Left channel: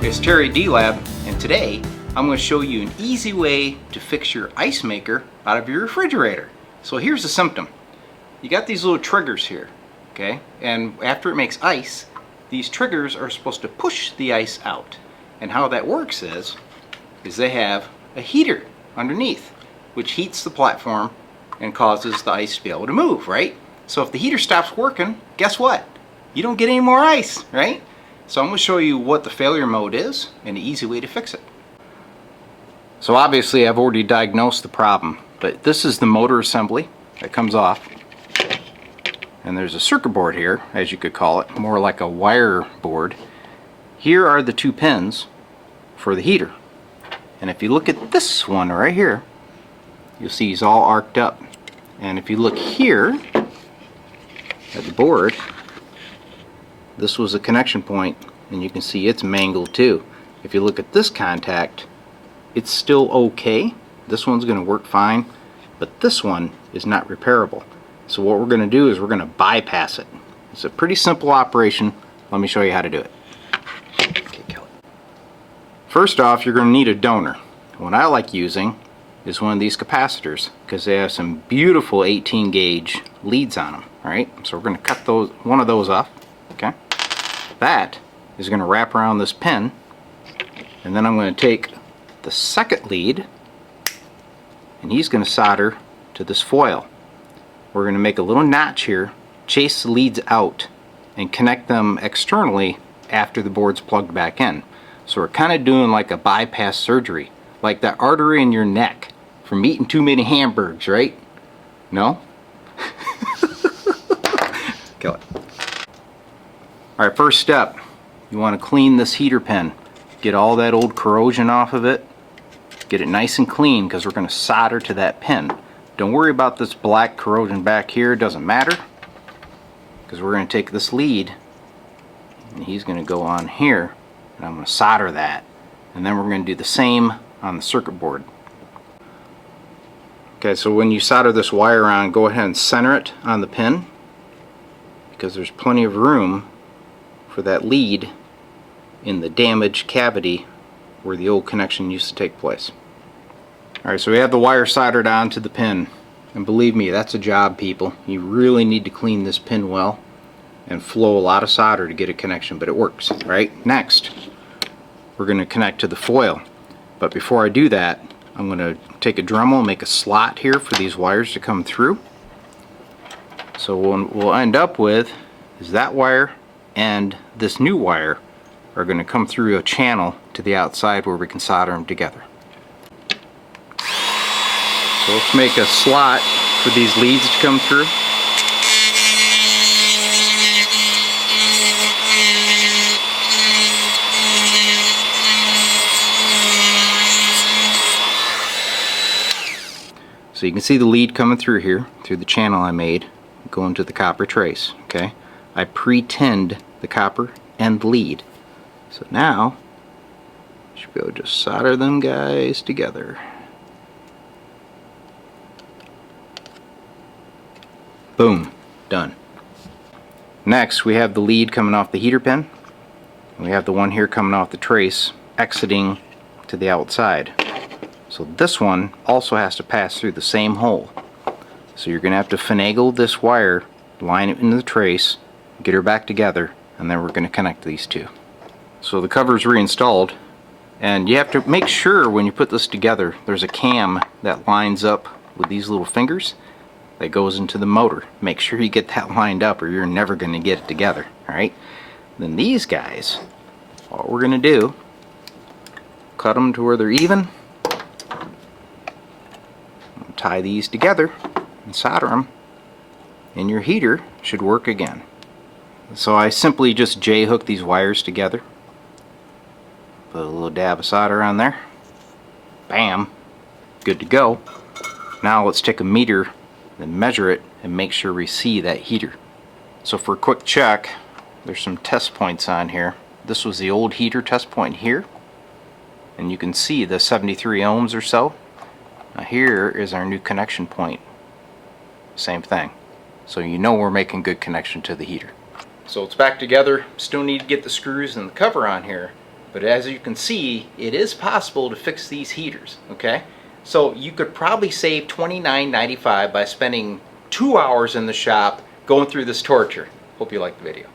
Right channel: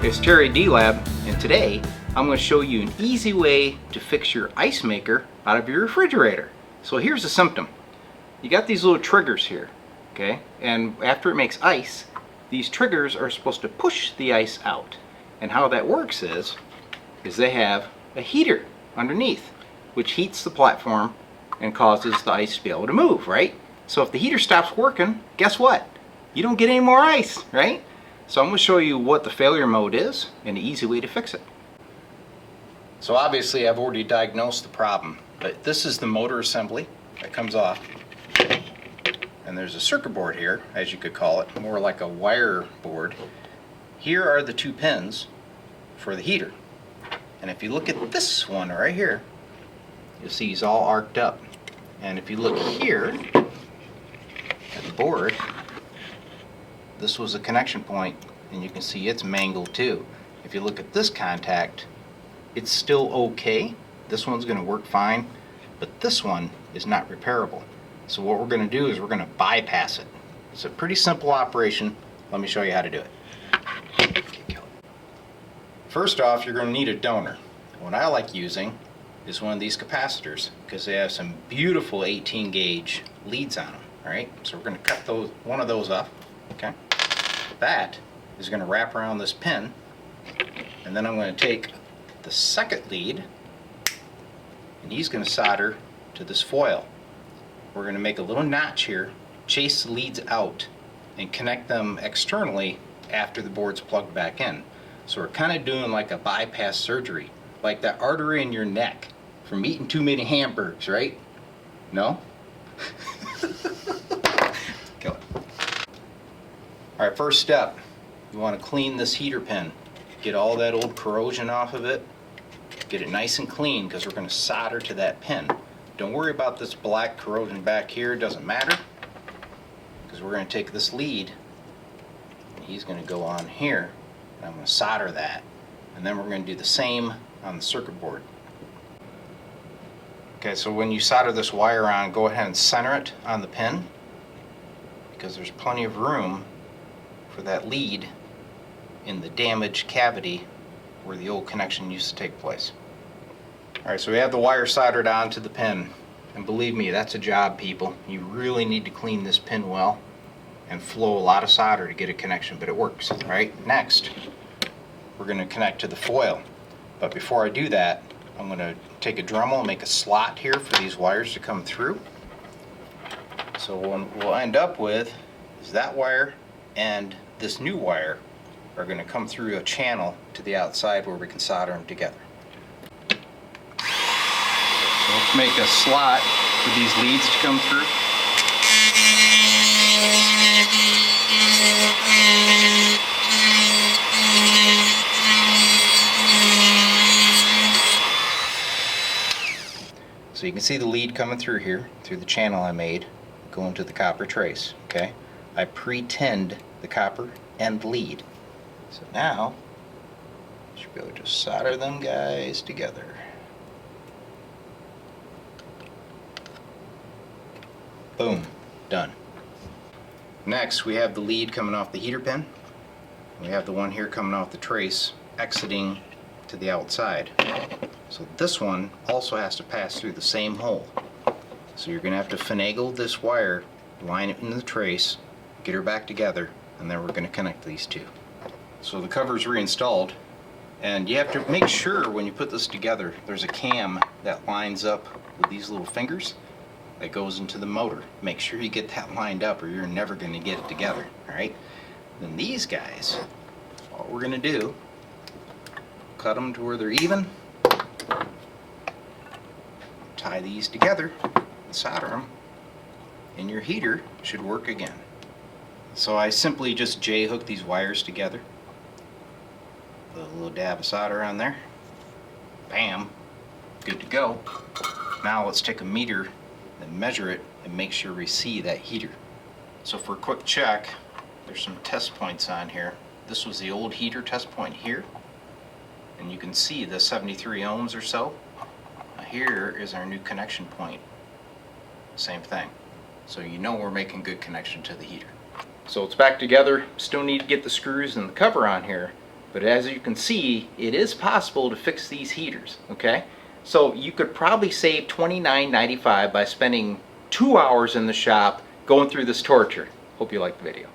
It's Terry D-Lab, and today I'm going to show you an easy way to fix your ice maker out of your refrigerator. So here's the symptom. You got these little triggers here, okay? And after it makes ice, these triggers are supposed to push the ice out. And how that works is they have a heater underneath, which heats the platform and causes the ice to be able to move, right? So if the heater stops working, guess what? You don't get any more ice, right? So I'm going to show you what the failure mode is and the easy way to fix it. So obviously I've already diagnosed the problem, but this is the motor assembly that comes off. And there's a circuit board here, as you could call it, more like a wire board. Here are the two pins for the heater. And if you look at this one right here, you'll see he's all arced up. And if you look here at the board, this was a connection point, and you can see it's mangled too. If you look at this contact, it's still okay. This one's going to work fine, but this one is not repairable. So what we're going to do is we're going to bypass it. It's a pretty simple operation. Let me show you how to do it. Okay, kill it. First off, you're going to need a donor. What I like using is one of these capacitors because they have some beautiful 18 gauge leads on them. Alright, so we're going to cut one of those off. Okay, that is going to wrap around this pin, and then I'm going to take the second lead and he's going to solder to this foil. We're going to make a little notch here, chase the leads out, and connect them externally after the board's plugged back in. So we're kind of doing like a bypass surgery, like that artery in your neck from eating too many hamburgers, right? No? Kill it. Alright, first step, you want to clean this heater pin. Get all that old corrosion off of it. Get it nice and clean because we're going to solder to that pin. Don't worry about this black corrosion back here, it doesn't matter. Because we're going to take this lead and he's going to go on here, and I'm going to solder that. And then we're going to do the same on the circuit board. Okay, so when you solder this wire on, go ahead and center it on the pin because there's plenty of room for that lead in the damaged cavity where the old connection used to take place. Alright, so we have the wire soldered onto the pin, and believe me, that's a job, people. You really need to clean this pin well and flow a lot of solder to get a connection, but it works. Right? Next, we're going to connect to the foil, but before I do that, I'm going to take a Dremel and make a slot here for these wires to come through. So what we'll end up with is that wire and this new wire are going to come through a channel to the outside where we can solder them together. So let's make a slot for these leads to come through. So you can see the lead coming through here, through the channel I made, going to the copper trace. Okay, I pre-tinned the copper and lead. So now, I should be able to just solder them guys together. Boom, done. Next, we have the lead coming off the heater pin. We have the one here coming off the trace, exiting to the outside. So this one also has to pass through the same hole. So you're going to have to finagle this wire, line it into the trace, get her back together, and then we're going to connect these two. So the cover is reinstalled, and you have to make sure when you put this together there's a cam that lines up with these little fingers that goes into the motor. Make sure you get that lined up or you're never going to get it together. Alright? Then these guys, what we're going to do, cut them to where they're even, tie these together and solder them, and your heater should work again. So I simply just J-hook these wires together, put a little dab of solder on there, bam, good to go. Now let's take a meter and measure it and make sure we see that heater. So for a quick check, there's some test points on here. This was the old heater test point here, and you can see the 73 ohms or so. Now here is our new connection point. Same thing. So you know we're making good connection to the heater. So it's back together. Still need to get the screws and the cover on here, But as you can see, it is possible to fix these heaters, okay? So you could probably save $29.95 by spending 2 hours in the shop going through this torture. Hope you liked the video.